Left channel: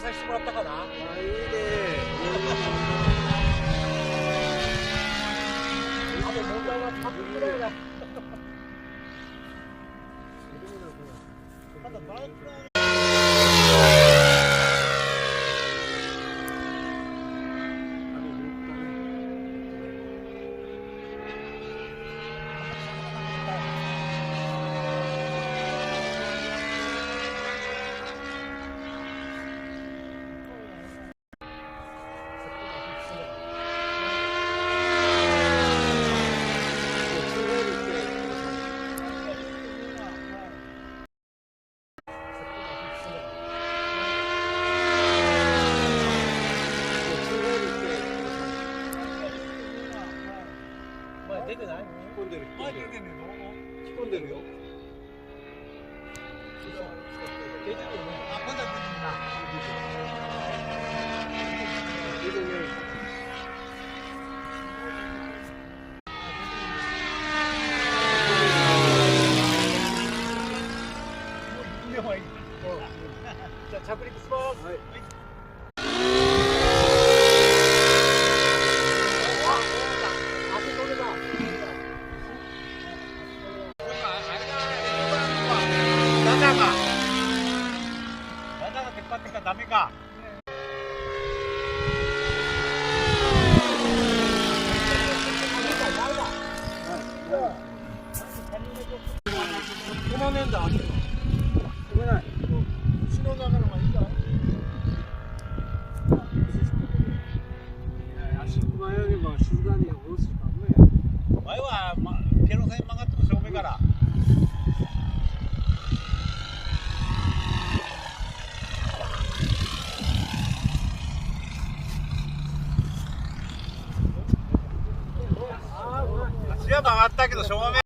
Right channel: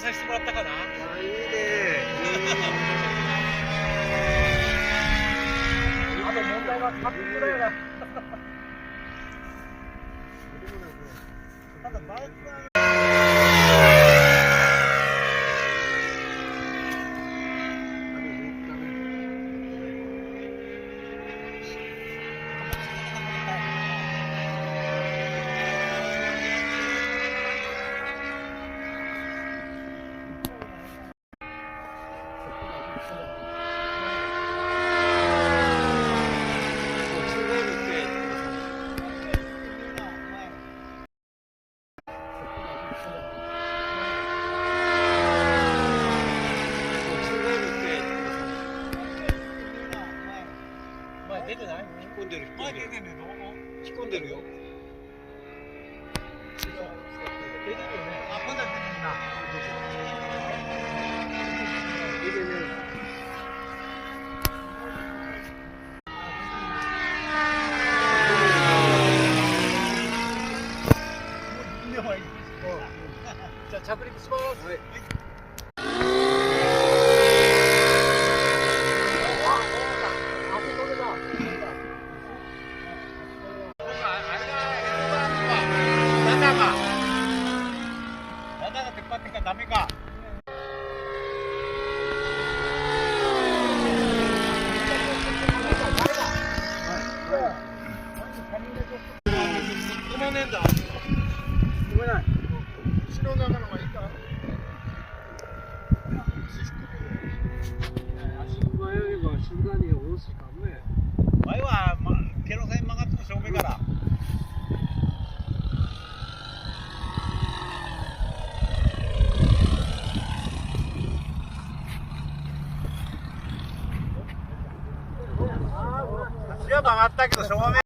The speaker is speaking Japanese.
させてもらったかな。あ、いいね。あと問題はタップだよな。ただバイクは出てない？引っ込んでる、引っ込んでる。引っ込んでるよ。出てるよね。出てるね。じゃあ着陸します。はい。中が出っ張ってからダメか。止まんねえんだ。止めない。口の中の方がいいか。足前よりは静かに下ろすかもや。前は、ケロ線曲がっても正面から。足は曲がったけど正面。